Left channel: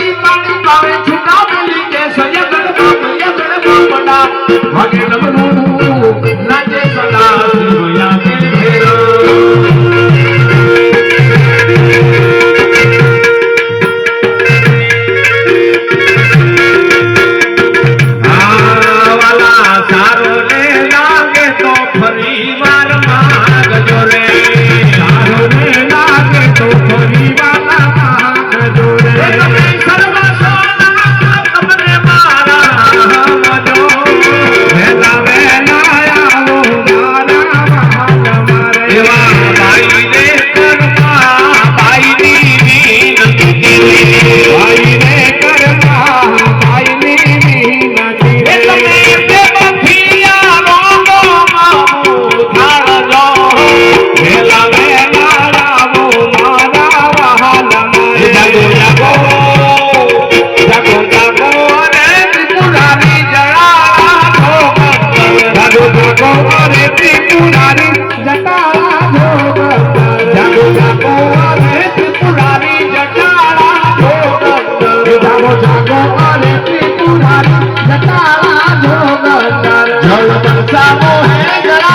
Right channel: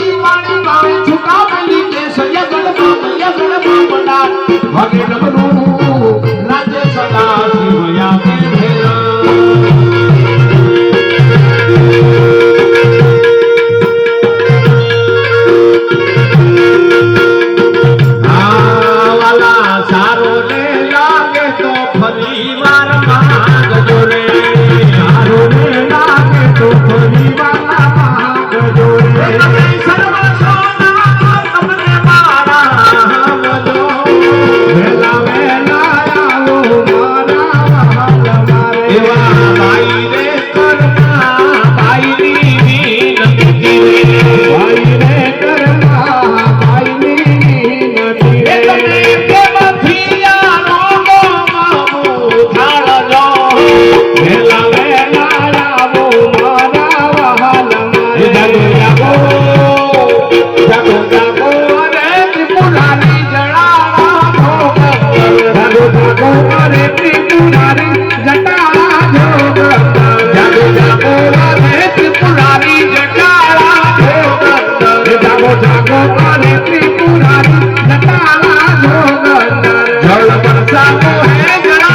પાણી પાણી પાવે છૂટા બોલી કે સયદન બાપ યદન બાપડા હગે રમનું हम सब है जरा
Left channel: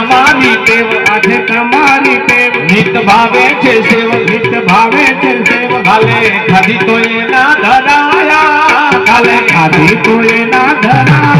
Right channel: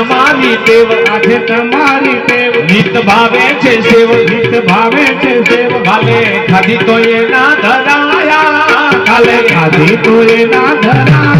અમારી દેવ સાથે તમારી દેવ નિત ભાવે છે સેવ નિત ભાવે છે સેવ. કાલે ખાધી તો એના ધરાયા કાલે ખાધી તો એના ધરાયા.